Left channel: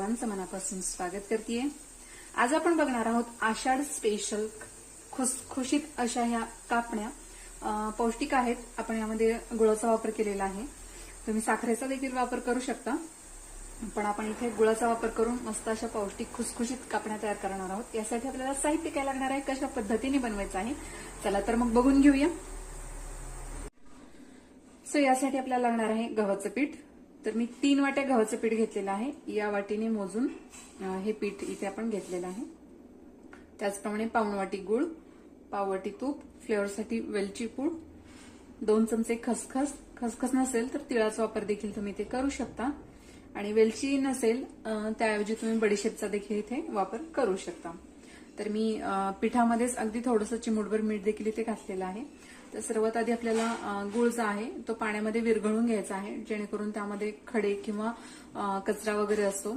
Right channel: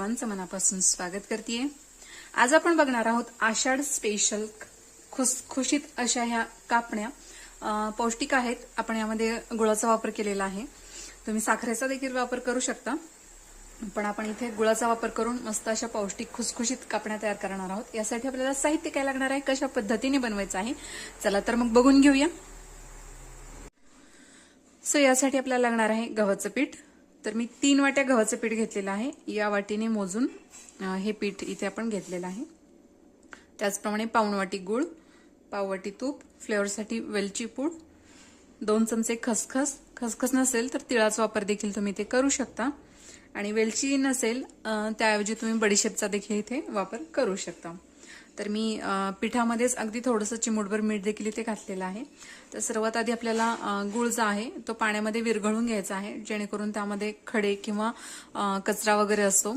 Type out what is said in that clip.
सर्वांचं मनापासून स्वागत करतेय। आज आपण बघणार आहोत आषाढ स्पेशल खुसखुशीत अशा ह्या कापण्या पौष्टिक आहेत। आपण यामध्ये गुळाचा वापर केलेला आहे। तुम्ही साखरेचा देखील वापर करू शकता, पण आपण इथे गुळाचा वापर करून मस्त अशा पौष्टिक खुसखुशीत कापण्या तयार करणार आहोत। यासाठी आपल्याला साहित्य काय लागणार आहे, कशा पद्धतीने बनवायचं आहे, चला तर मग बघून घेऊया। यासाठी आपल्याला लागणार आहे गव्हाचं पीठ। तर मी 3 वाट्या गव्हाचं पीठ घेतलेलं आहे। या वाटीने मोजून हे पीठ इथे आपण घेतलेलं आहे। त्याचप्रमाणे पाऊण वाटी गूळ, पाव वाटी तूप, फ्लेवरसाठी वेलची पूड, 2 चमचे खसखस। खसखस नसेल तर तिळाचा वापर देखील तुम्ही इथे करू शकता, आणि वेलची नसेल त्याऐवजी तुम्ही बडीशेपचा देखील इथे वापर करू शकता। तर मी पिठामध्येच अगदी थोडंसं चिमूटभर मीठ देखील इथे घातलेलं आहे। तर सर्वात आधी आपल्याला गूळ जो आहे तो पाण्यामध्ये विरघळून घ्यायचा आहे, जेणेकरून त्यामध्ये खडे किंवा कचरा वगैरे असतो